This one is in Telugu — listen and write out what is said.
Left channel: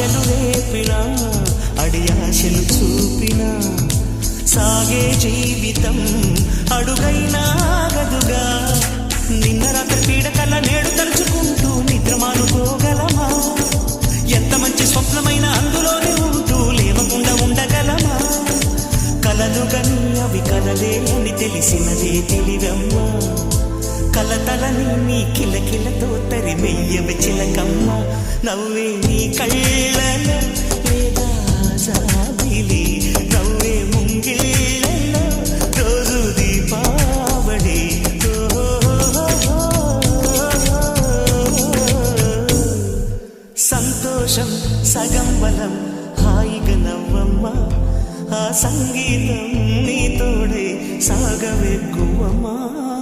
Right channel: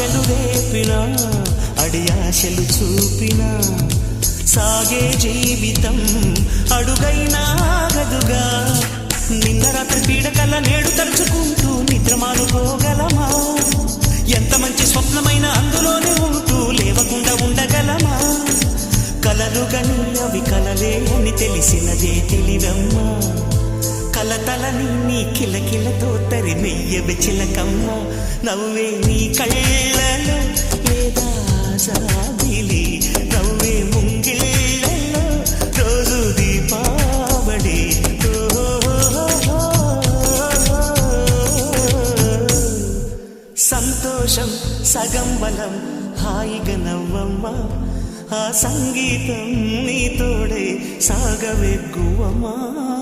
ఆశలు రేపినా అడియాశలు చూపినా సాగే జీవితం అడుగైనా ఆగదుగా. నిన్న రాత్రి పీడకల నేడు తలుచుకుంటూ నిద్రమానుకోగలమా? ఎంత మంచి స్వప్నమైన అందులోనే ఉంటూ లేవకుండా ఉండగలమా? కలలుగని అవి కలలే అని తెలిసినదే తెలివమ్మా. కలతలని నీ కిలకిలతో తరిమెయ్యవి చిలకమ్మ. నవ్వే నీ కళ్ళలో లేదా జాబిలి, నవ్వే ముంగిళ్ళలో రోజు దీపావళి. సంతోషం సగం బలం, హాయిగా నవ్వమ్మా. ఆ సంగీతం నీ తోడే సాగవెగ్గువమ్మా.